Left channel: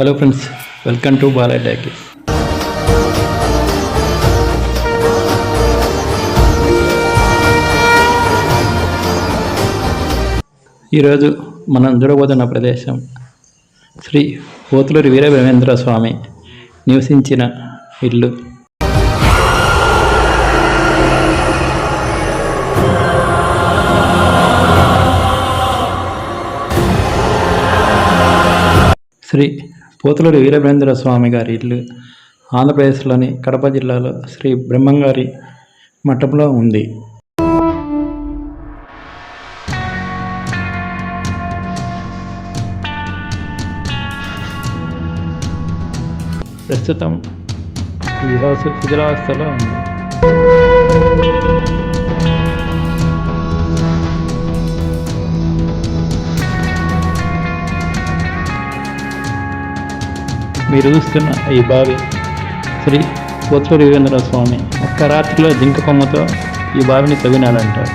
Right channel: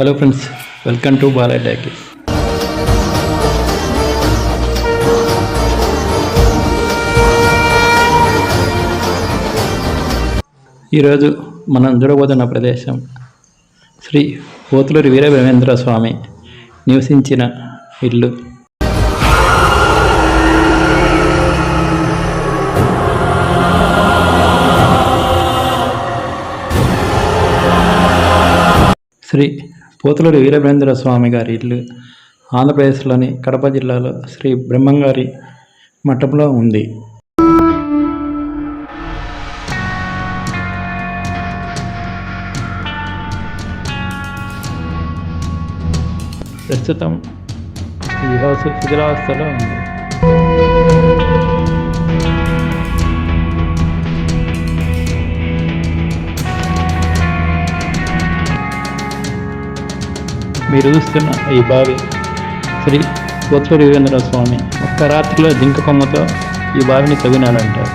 Hello friends, welcome to Balayya talkies. ఈరోజు మనం చూడబోతున్న ప్రదేశం శ్రీ పోతులూరి వీరబ్రహ్మేంద్ర స్వామి నివసించిన ఇల్లు. శ్రీ పోతులూరి వీరబ్రహ్మేంద్ర స్వామి గారి ఇల్లు ఆంధ్రప్రదేశ్లోని కడప జిల్లాలో శ్రీ బ్రహ్మంగారి మఠంలో ఉంది. ప్రస్తుతం ఈ హౌస్ శిథిలావస్థలో ఉంది. మీరు చూస్తున్న ఈ బావి శ్రీ పోతులూరి వీరబ్రహ్మేంద్ర స్వామి ఒక్క రాత్రిలో జింక కొమ్మతో ఈ బావిని తవ్వినాడంటారు.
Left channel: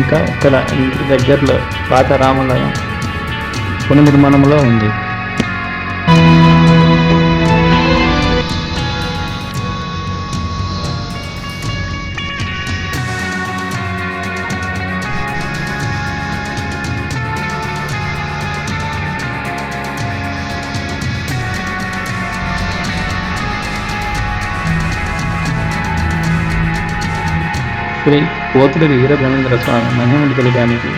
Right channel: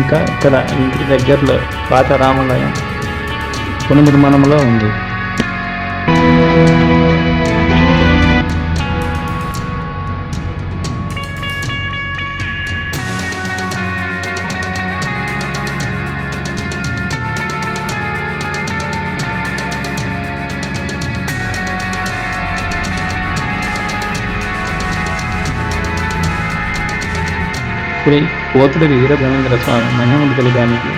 ఇంకా ఇక్కడ ఇంటి దగ్గరలో పాత రామాలయం పునర్నిర్మాణంలో ఉంది. శ్రీ పోతులూరి వీరబ్రహ్మేంద్ర స్వామి మహిమను తెలియడానికి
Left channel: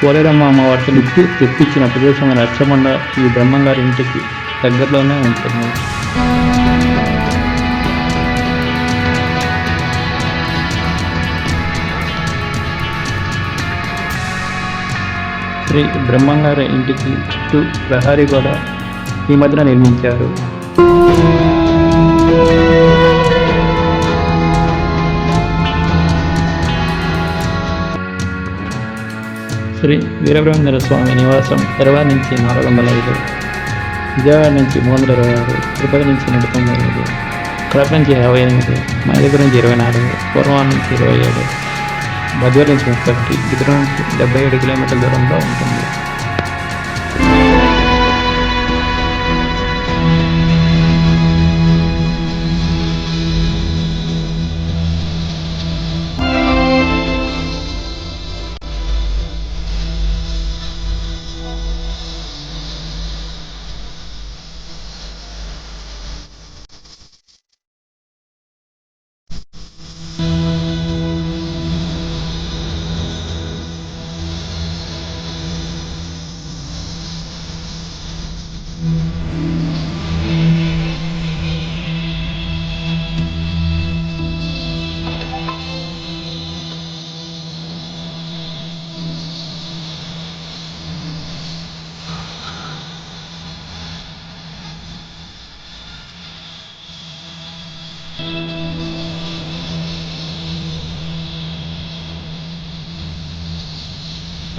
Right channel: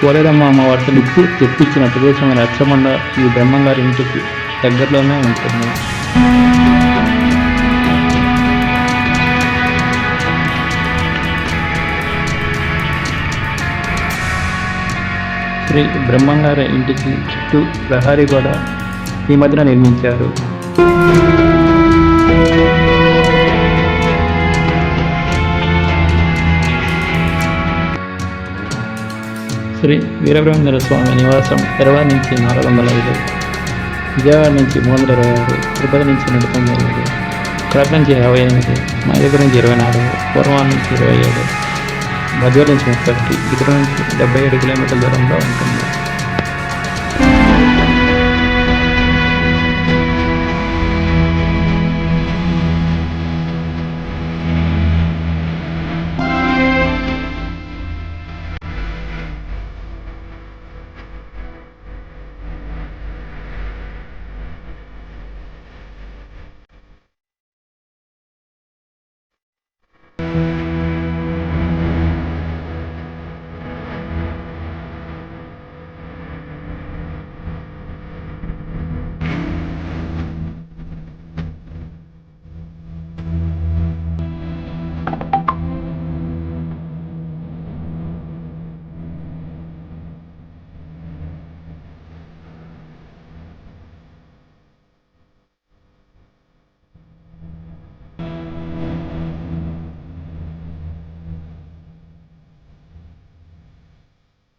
పోలేరమ్మ అమ్మవారితో నిప్పు తెప్పించిన ప్రదేశమైన రచ్చమండ ఈ బ్రహ్మంగారి ఇంటికి దగ్గరలోనే ఉంటుంది. శ్రీ బ్రహ్మంగారి ఇంటికి చుట్టూ ప్రహారీ గోడ ఈ మధ్యన నిర్మించారు. శ్రీ వీరబ్రహ్మేంద్ర స్వామి నివాసం హైదరాబాద్ నుంచి 405, విజయవాడ నుంచి 326, తిరుపతి నుంచి 195, కడప నుంచి 58, మా దగ్గర నుంచి 24, పూర్వం నుంచి 27, బద్వేలు నుంచి 31, ఇతర నుంచి 77 కిలోమీటర్ల దూరంలో ఉంటుంది.